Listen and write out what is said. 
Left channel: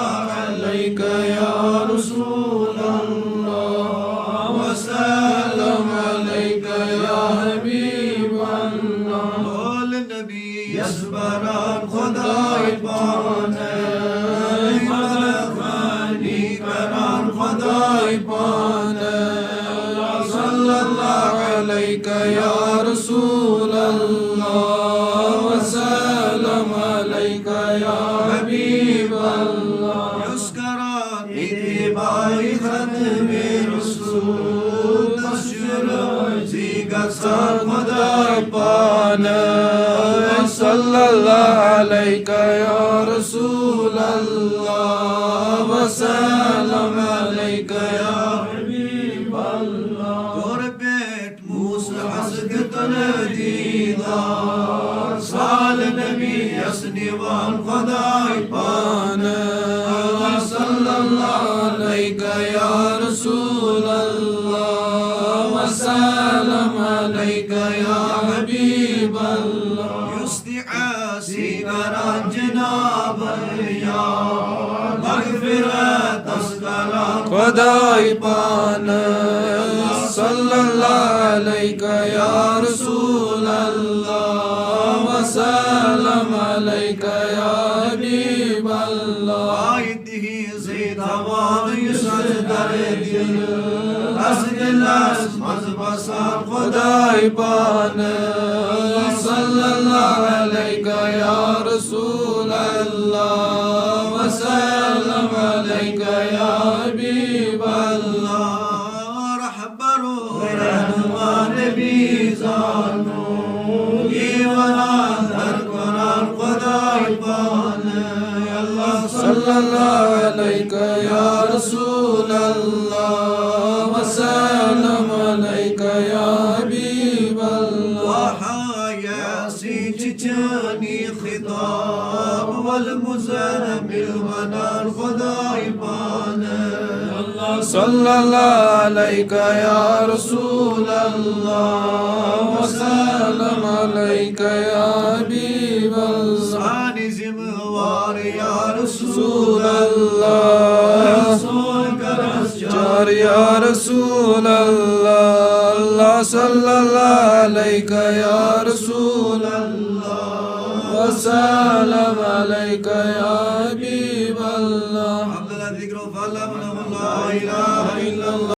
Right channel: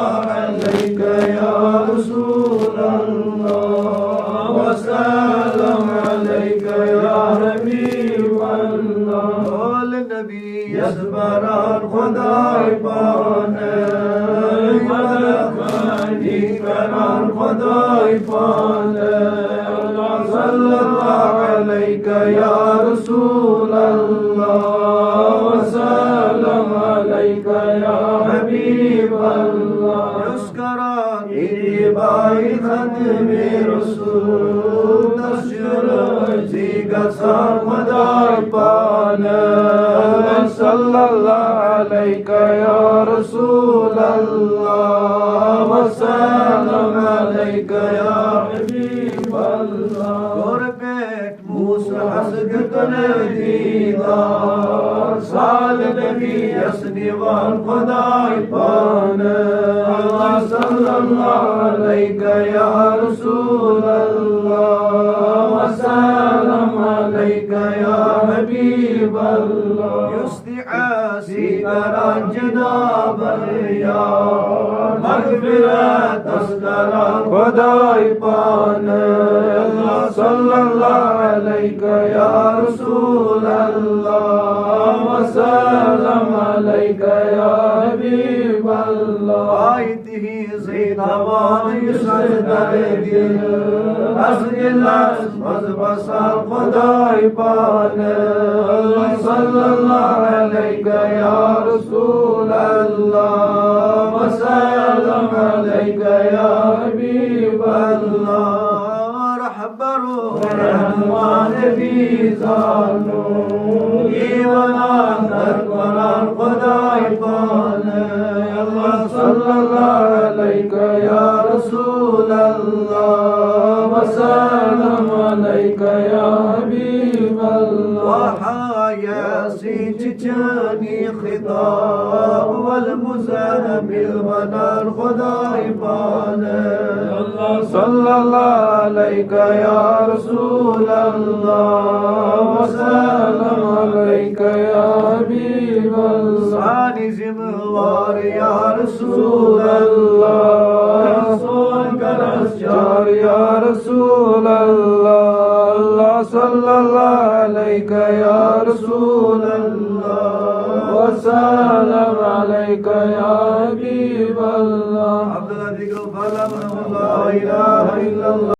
अलैका या रसूल अल्लाह व सल्लम अलैका या हबीब अल्लाह। बोल नबी यसबरान खुदाई पाने मदखनी करान खुदाई पाने सल्लल्लाहु अलैका या रसूल अल्लाह व सल्लम अलैका या हबीब अल्लाह। युस्करा इत्तिबाई खत्मे रसूल तशर जिगसान खुदाई पाने सल्लल्लाहु अलैका या रसूल अल्लाह व सल्लम अलैका या हबीब अल्लाह। गुरबेट मूसा हसद तने दीदार साल नबी यसदीवान खुदाई पाने सल्लल्लाहु अलैका या रसूल अल्लाह व सल्लम अलैका या हबीब अल्लाह। युस्तिआसी करान जनाब या मगफिरत अस्कलान खुदाई पाने सल्लल्लाहु अलैका या रसूल अल्लाह व सल्लम अलैका या हबीब अल्लाह। आयतिही ज़ैतवान युसदर दिल असदिलास मज़बसार खुदाई पाने सल्लल्लाहु अलैका या रसूल अल्लाह व सल्लम अलैका या हबीब अल्लाह। रहबरो रहमान बीज़ानो ईवान दर कुरान खुदाई पाने सल्लल्लाहु अलैका या रसूल अल्लाह व सल्लम अलैका या हबीब अल्लाह। वहायासी चिचनी खिताब वल मुज़म्मिल वनान खुदाई पाने सल्लल्लाहु अलैका या रसूल अल्लाह व सल्लम अलैका या हबीब अल्लाह। सानी ज़िम्मेवार या रसूल अल्लाह रसूल करस चार या रसूल अल्लाह सल्लल्लाहु अलैका या रसूल अल्लाह व सल्लम अलैका